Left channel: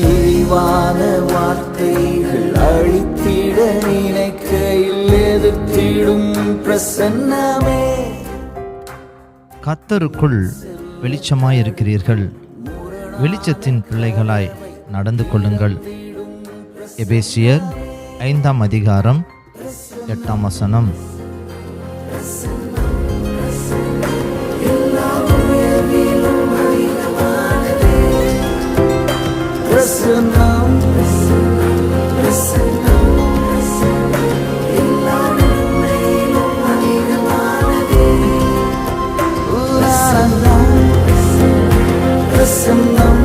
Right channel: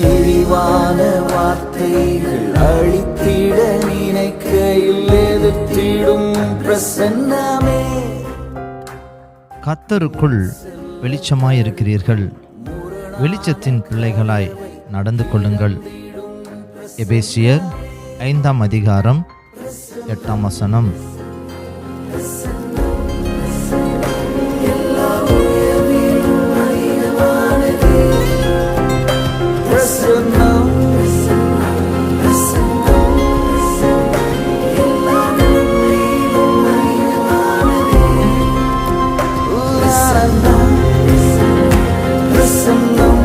இழிவான வார்த்தைகள் அழித்திட நினைக்கையில் எதிர்த்திடும் பிரசன்னமே. கர்த்தருக்குள் வெளிச்சமாயிருக்கிறீர்கள், வெளிச்சத்தின் பிள்ளைகளாய் நடந்து கொள்ளுங்கள். எபேசியர் 5:8. பிரசன்னம் பிரசன்னம்